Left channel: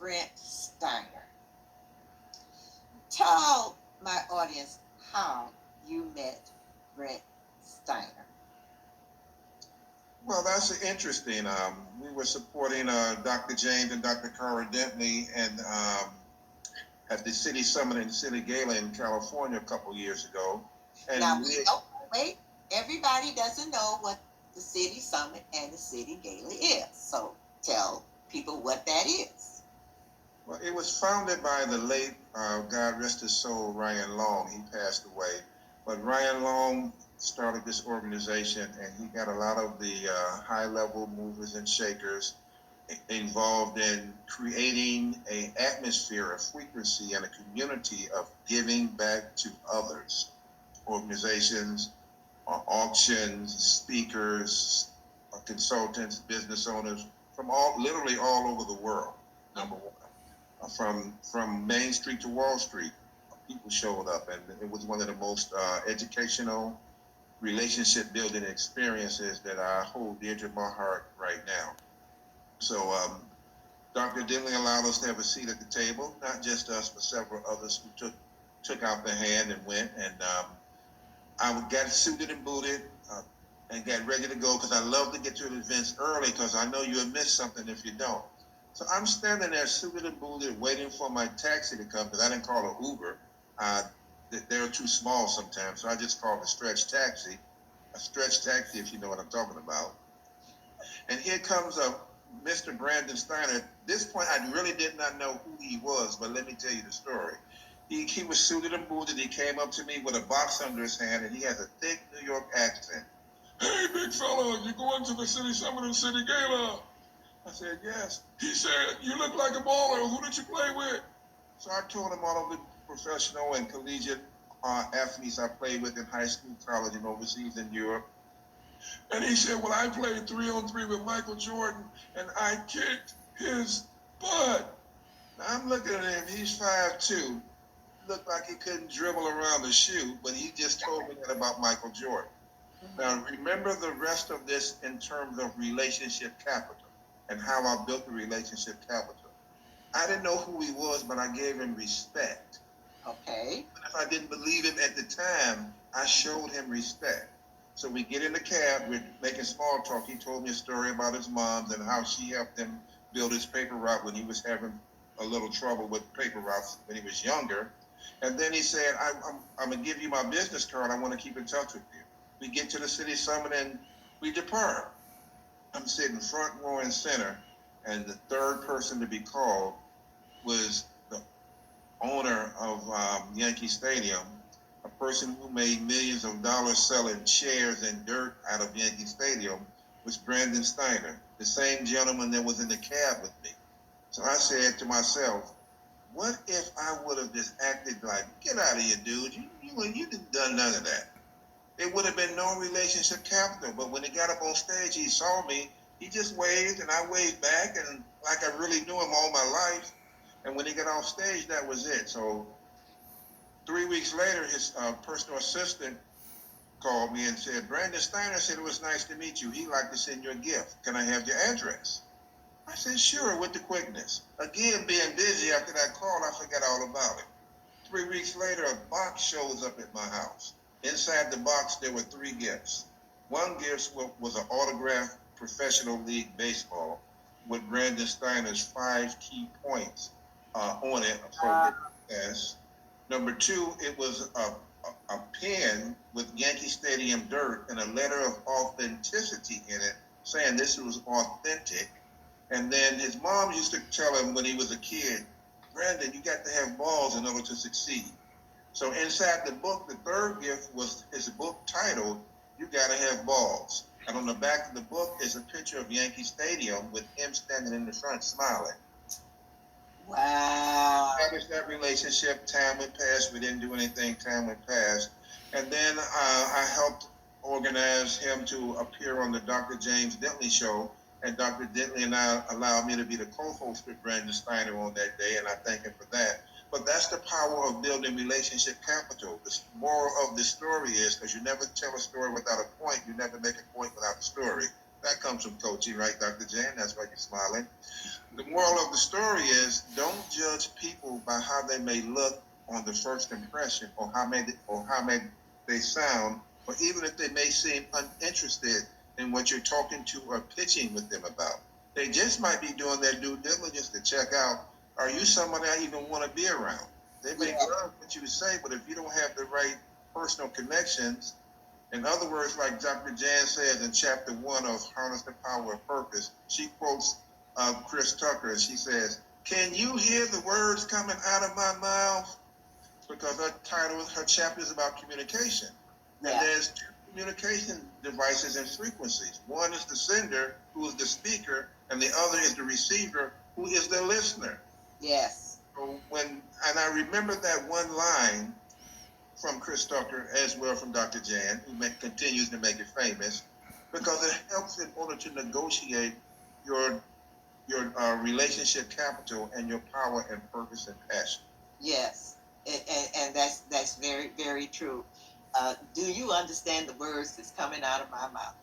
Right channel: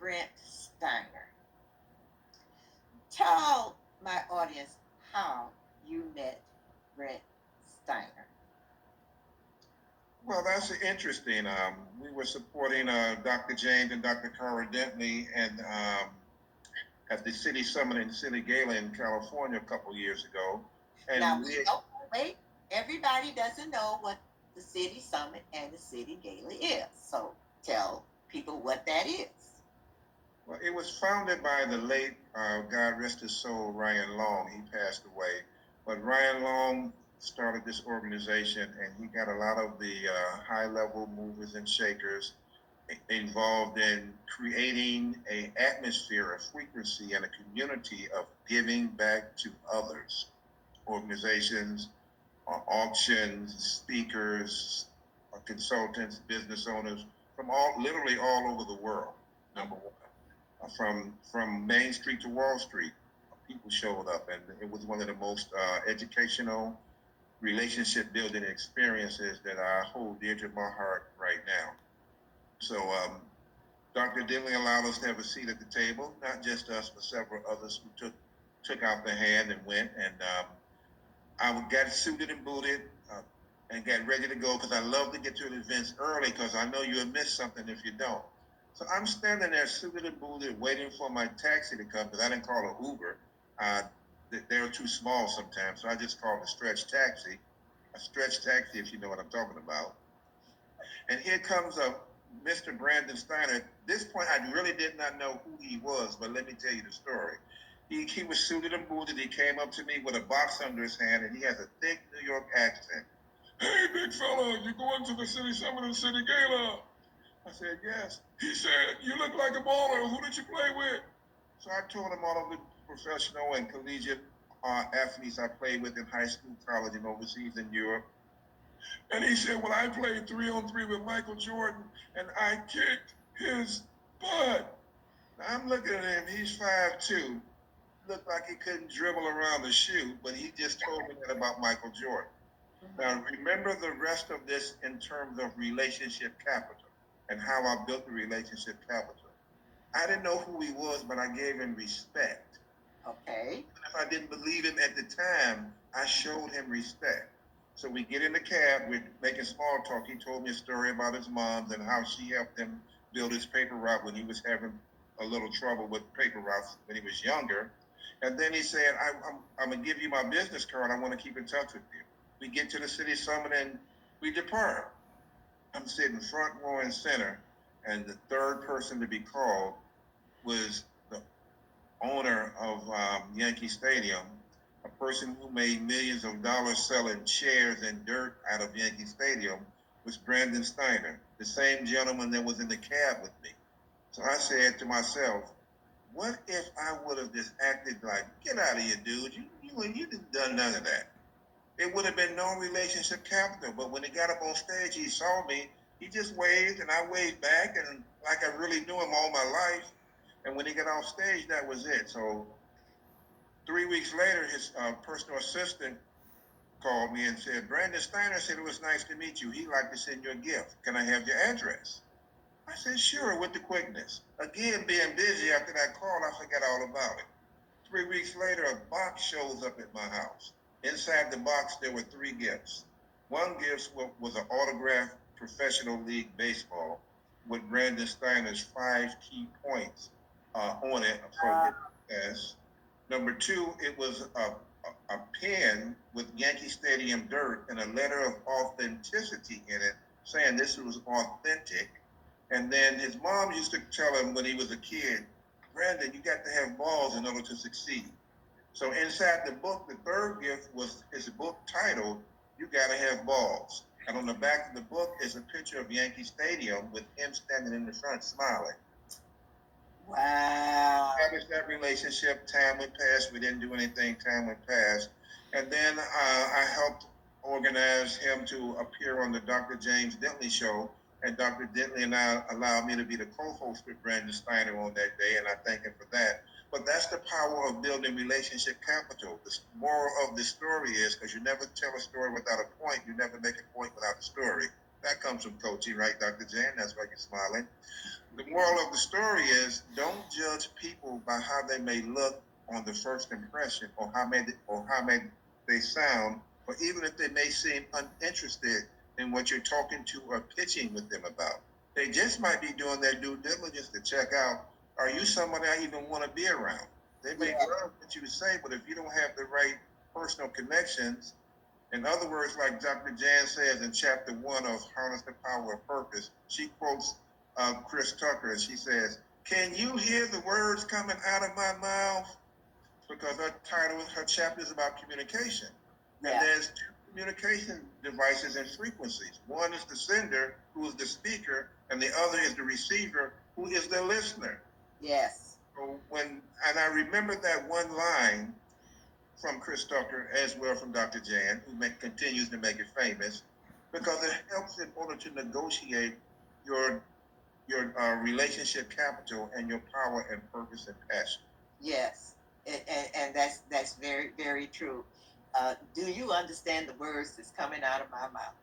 Brent Steiner. Tell my audience how you met Brent Steiner. Well, that's interesting. We were supporting Dr. James and Dr. Cara Dentley and at the City Summit and City Gala in California a couple years ago. And now, wait, everybody doesn't know what the City Summit and the City Gala is. So tell people what that is. Well, it was founded by the late, God rest his soul, Ryan Long. He passed away. But Ryan Long started this organization, and he got a lot of the high-level movers and shakers involved in creating an atmosphere, a frequency, and a community of giving back to others, organizations, auctions, speakers, consultants, business owners from literally all over the world. Number one, from Main Street to Wall Street, people showed up, and it was one of the most educational relationship building experiences that I hold dear to my heart right now. So Dr. Dentley allowed us to have a seat at the table, not just us, but several others who took out the hand and went. And I got suited and booted and got ready to go because I love to get to the events early because I know you'll miss something if you don't. So I'm standing there suited and booted waiting for my taxi to come because I didn't call an Uber. They were too small sometimes, so I just called a stretch taxi if you know what I'm talking about. And here comes Mr. Brandon Steiner. At this point, I really did not know who he was, but let me tell you the story. He was suited and booted. He came up to me with a box under his hand, and he has a thick New York accent. Hey, big fella, you going to the City Summit and City Gala? I said, yes. He said, you look like a baller. Who did you play with? So I told him all of the professional and collegiate athletes I played with in high school, college, and overseas in Europe. And he said, well, I played 3-on-3 with Michael Jordan, and I kicked his butt. Now, I'm looking at him. He's 5'2". Looked like he couldn't dribble around the shoe, but he just told me that about Michael Jordan. Now, remember the rest of this in terms of relationship capital and how I built the relationship capital. I didn't know who he was, but I gave him respect. Okay. If I didn't believe him at the time, I showed him respect. So we get in the cab, we're making small talk. He told me a story about his mom and how she helped him build his paper route when he was having a little trouble with paper routes when he was younger. And then he said, I'm going to give you my business card. I want to keep in touch with you. We get to the City Summit and we depart. I'm sitting front row and center, and the third person to be called was the owner of Yankee Stadium, a person who made millions of dollars selling chairs and dirt out of Yankee Stadium, was Brandon Steiner, the same gentleman that was in the cab with me. So I said to myself, what if I would have just acted like, get out of here, dude. You didn't done none of that. It would have been no relationship capital. But when he got up on stage, he saw me. He just waved, and I waved back, and like I really knew him all my life. And when he got off stage, that was it. So 3 weeks later, his personal assistant called me and said, Brandon Steiner said it was nice to meet you. He'd like to send you a gift. Can I have your address? I said, sure, with the quickness. Again, being busy after that call, I forgot all about it. 3 weeks later, a box shows up at my house. Inside the box, there were 3 gifts. One gift was an autographed professional league baseball with Brandon Steiner's 5 key points on it for success. Number 2, it was a pen with Yankee Stadium dirt and a letter of authenticity in it, saying this was authentic. And then his mom used to tell him when he was a kid, Brandon, you got to have balls in order to succeed. So inside the book, the third gift was his book titled, You Gotta Have Balls. And on the back of the book is a picture of Yankee Stadium with him standing in the front smiling. Wow. Established that relationship. Time went past. We didn't do anything. Time went past. And then I helped organize him to appear on the Dr. James Dentley show. And Dr. Dentley and I allowed me to be the co-host with Brandon Steiner on that day, and I thank him for that. But that's the power of building relationship capital. The moral of the story is, because you never tell a story without a point, you never make a point without a story. That comes from coaching, right, Dr. Jan? That's why you're smiling. The moral of the story is, don't judge people by how they may look on the first impression, or how may they sound, or even if they may seem uninterested in what you're talking to or pitching with them about. They just might be doing their due diligence to check out, are you somebody I even want to be around? They may love what you say, but if you don't have the right personal connections, in other words, like Dr. Jan says in chapter 1 of Harness the Power of Purpose, she quotes Chris Tucker, and she says, can you hear the words coming out of my mouth? Because her chapter is about communication. Yeah. And there's two communication devices and frequencies. One is the sender, who is the speaker, and the other is the receiver, who is the listener. Yes. So and I remember that one line from Chris Tucker, as well from Dr. Jan, who continues to make it famous, because it helps in order to negotiate your relationship capital and your power and purpose and passion. Yes, and that's very, very true. Do you understand the words that's coming out of my mouth?